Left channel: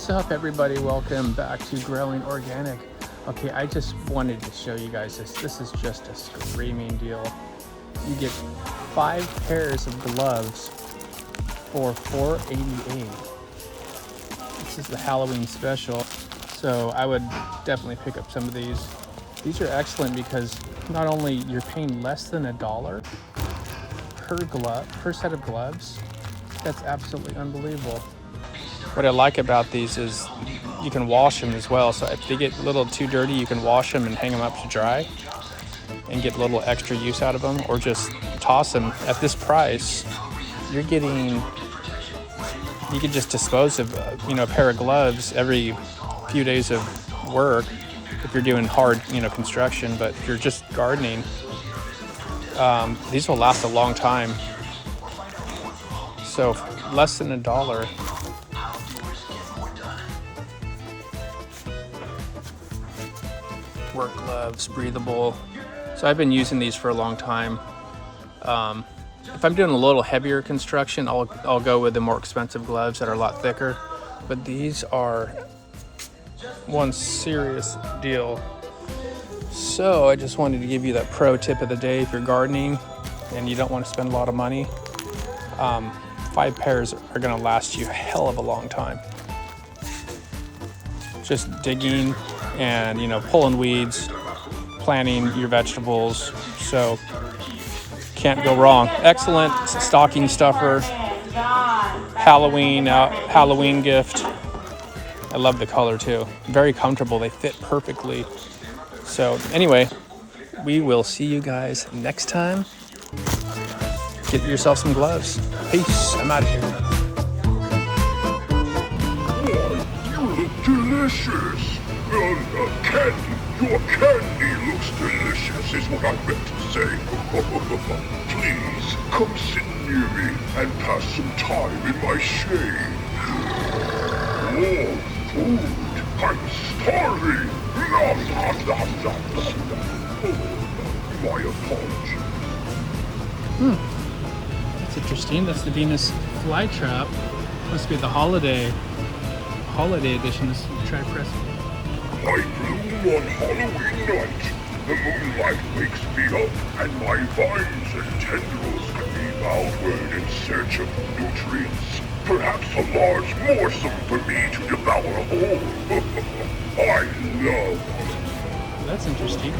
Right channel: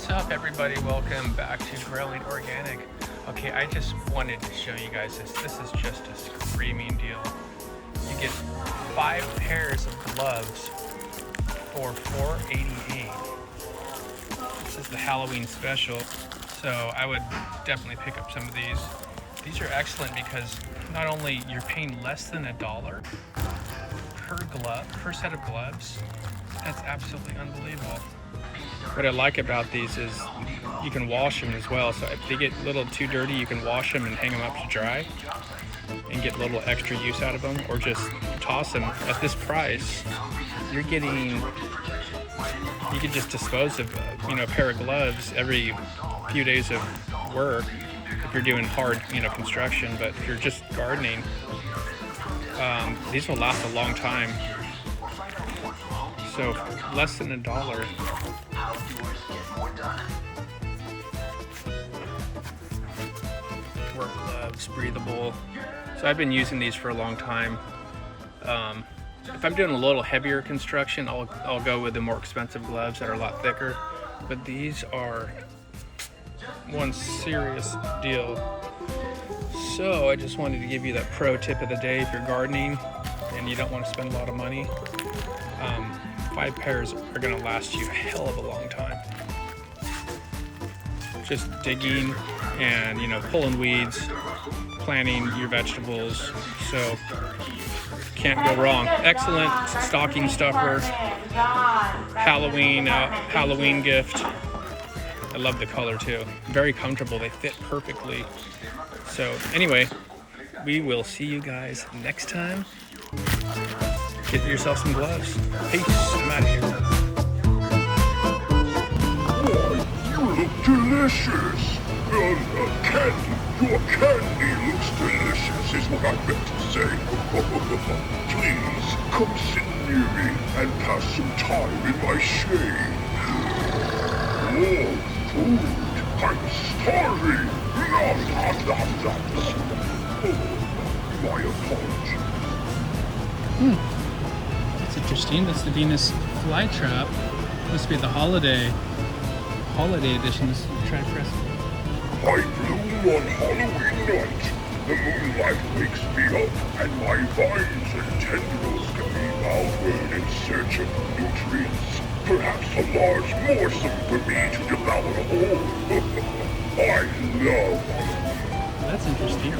What's up, everybody? Welcome back to Growing Organic. Okay, I just wanted to show you guys this. This is just a screaming deal. You get 5 pairs of gloves for $4.88. This is the Halloween special, so I would definitely pick up some of these. These are excellent because not only you're paying less than $1 per set of gloves. That's absolutely unbelievable. What I like about these is you can wash them as well. So if they get a little too dirty, you can wash them and hang them up to dry and get a little extra use out of them, or just toss them. At this price, you can just dispose of a pair of gloves every few days of work if you're doing hard construction. But if you're just gardening, these will last a long time. So less than $1. Work gloves, breathable. So I've been using these for a long time. If I'm doing a little heavier construction, I'll go with the more expensive gloves that are a lot thicker. But these are one serious deal. So I just wanted to give you that pro tip of the day. If you're gardening and you don't want to spend a lot of money, 5 pairs are going to last you a hell of a long time. Just digging and pulling weeds, planting your vegetables, so can't go wrong. Excellent stocking stuffer, Halloween gift. I love the color too. Very comfortable. They fit perfectly. So anyway, we will see you guys next time. Get yourself some gloves. Peace. I'm out of here. You look delicious. Candy. Your candy looks delicious is what I meant to say. Please, come sit near me and pass some time in my shade. Oh, food. I'm starving. Oh, my apologies. That's interesting. That's the Venus flytrap. Must be the holiday edition. Let's try pressing. I bloom on Halloween night. The moonlight wakes me up, and my vines and tendrils can be outward in search of nutrients. Perhaps a large morsel for me to devour whole. I love Halloween. That's interesting.